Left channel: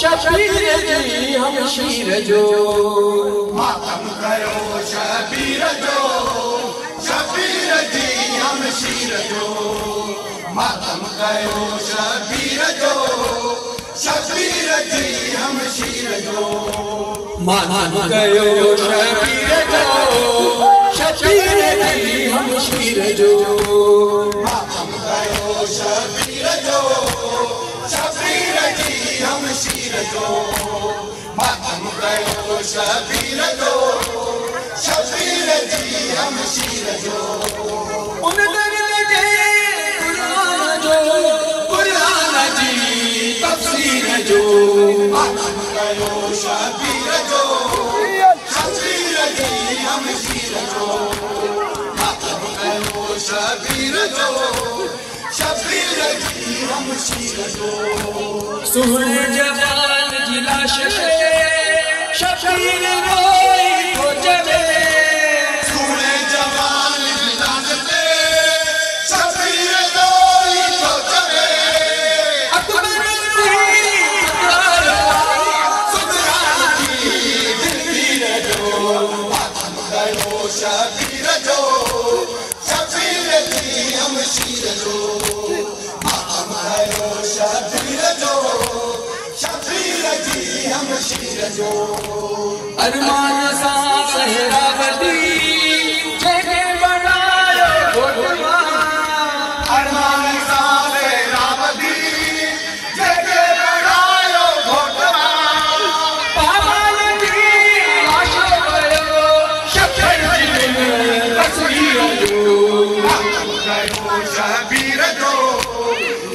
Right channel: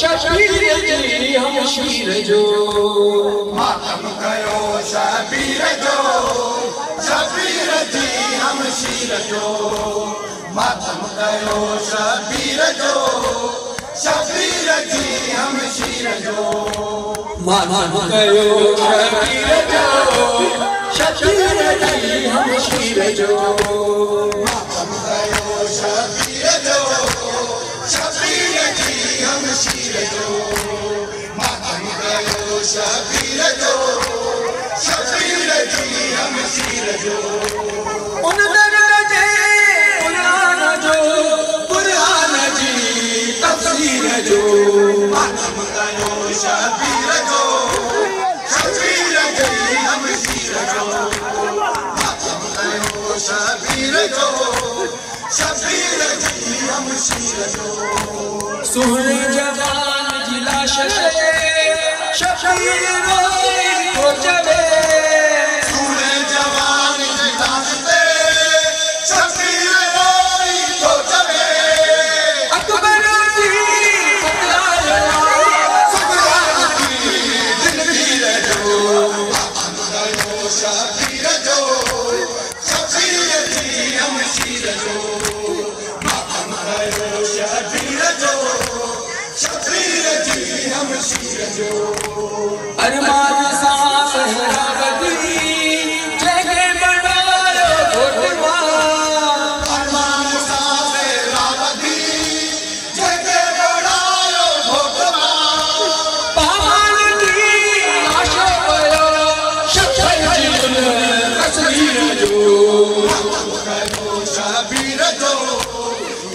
शबीर जी हमशीर जो मातम कयो शबीर जो शबीर जी हमशीर जो मातम कयो शबीर जो शबीर जी हमशीर जो मातम कयो शबीर जो शबीर जी हमशीर जो मातम कयो शबीर जो शबीर जी हमशीर जो मातम कयो शबीर जो शबीर जी हमशीर जो उन दर्द जे कुरान जी तफसीर जो मातम कयो शबीर जो शबीर जी हमशीर जो मातम कयो शबीर जो शबीर जी हमशीर जो सुने जवान जी लाश शबीर रोई तो चले सुने जवान जी लाश ते शबीर रोई तो चले अकबर जी सुगरान की जिंदगी जो मातम कयो शबीर जो शबीर जी हमशीर जो मातम कयो शबीर जो शबीर जी हमशीर जो अरमान सा सहरा गदी जगे बनायो घोटवा अरमान सा मेरावती जगे बनायो घोटवा पावन दी आशा भयो शफर जी तस्वीर जो मातम कयो शबीर जो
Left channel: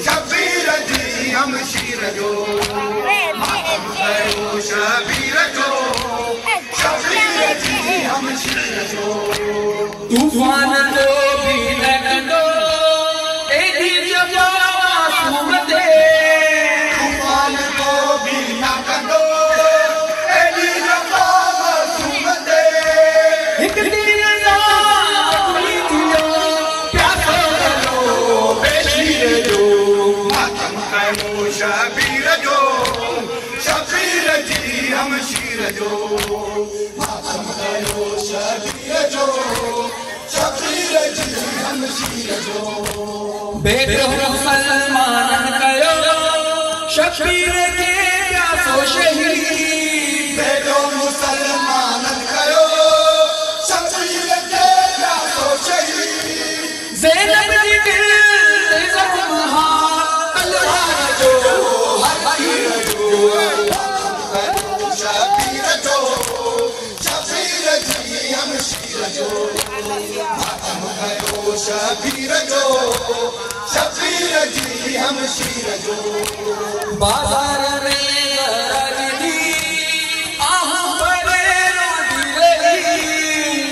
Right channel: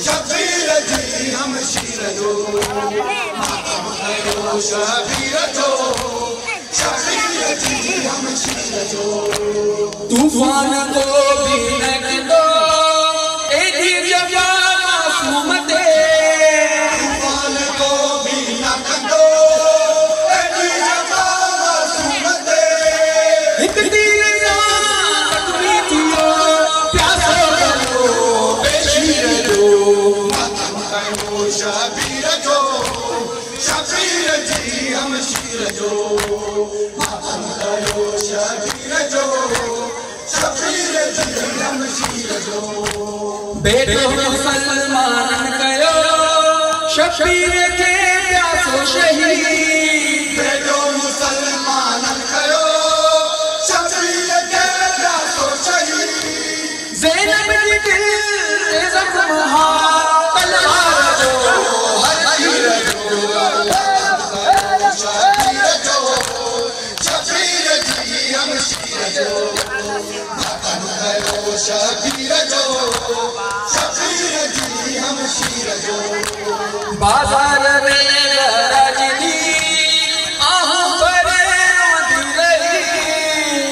शबीर जी हमशीर जो मातम कयो शबीर जो शबीर जी हमशीर जो तूफान को भी न कंदो एडी जवा सुमते तूफान को भी न कंदो एडी जवा मासूम ते हिक दीन सा प्रीतियो प्यासो करो बेशीर जो मातम कयो शबीर जो शबीर जी हमशीर जो मातम कयो शबीर जो शबीर जी हमशीर जो बेटो मुसलमान कयो शबीर के प्यासो शहीद बेटो मुसलमान कयो शबीर के प्यासो शहीद ज़ैनब जी दिल से ज़ख्म तलवार जो शबीर जो शबीर जी हमशीर जो मातम कयो शबीर जो शबीर जी हमशीर जो बाजार में राजनी आहू पर रोती रही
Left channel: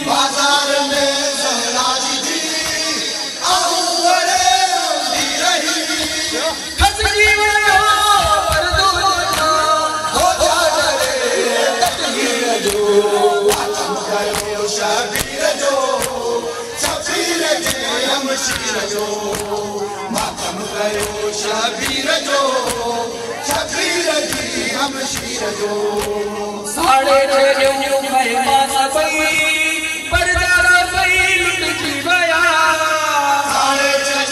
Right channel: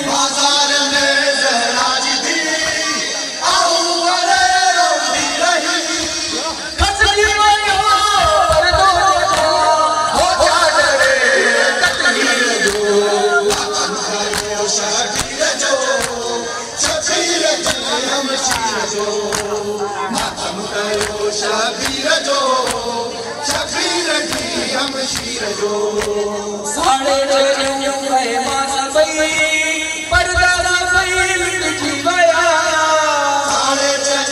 बाजार में जहरा जी आहू बड़े रोती रही खसली वयो पर्दो हो जाने तकदीर जो मातम कयो शबीर जो शबीर जी हमशीर जो मातम कयो शबीर जो शबीर जी हमशीर जो साढ़े छह में मास पई पर्दा पई लुटी गया साढ़े छह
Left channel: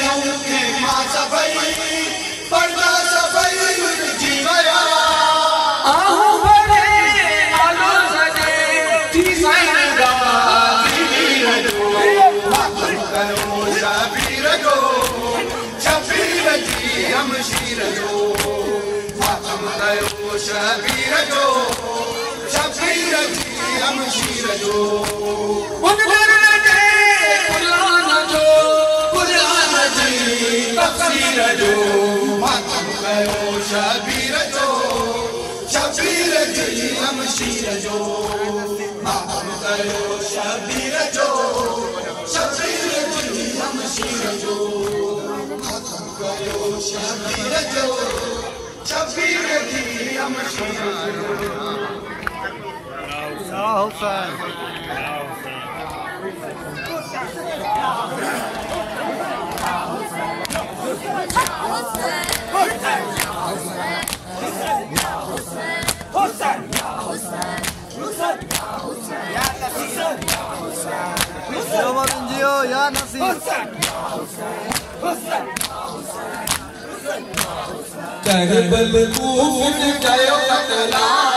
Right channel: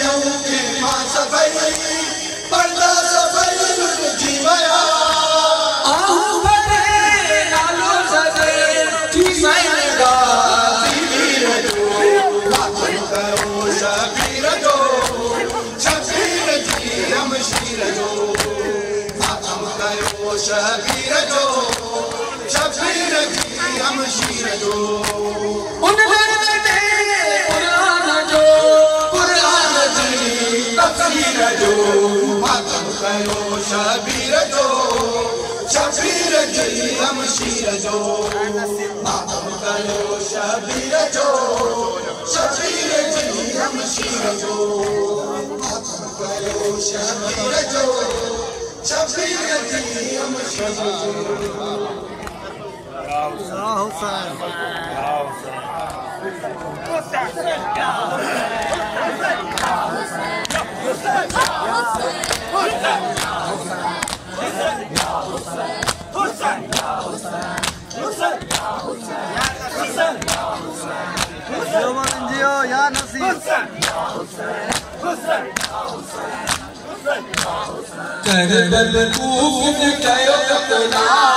के मां सबई पर्दा सबई लुट गया आहू भरे नालो सजे थी साईंगा दीदीर जो मातम कयो शबीर जो शबीर जी हमशीर जो मातम कयो शबीर जो शबीर जी हमशीर जो उन दर्द कुरान जी तफसीर जो मातम कयो शबीर जो शबीर जी हमशीर जो मातम कयो शबीर जो शबीर जी हमशीर जो मातम कयो शबीर जो शबीर जी हमशीर जो Ya Hussein. Ya Hussein. जियो मोमिन जियो या नसीर करबल तूफ़ कयो कतला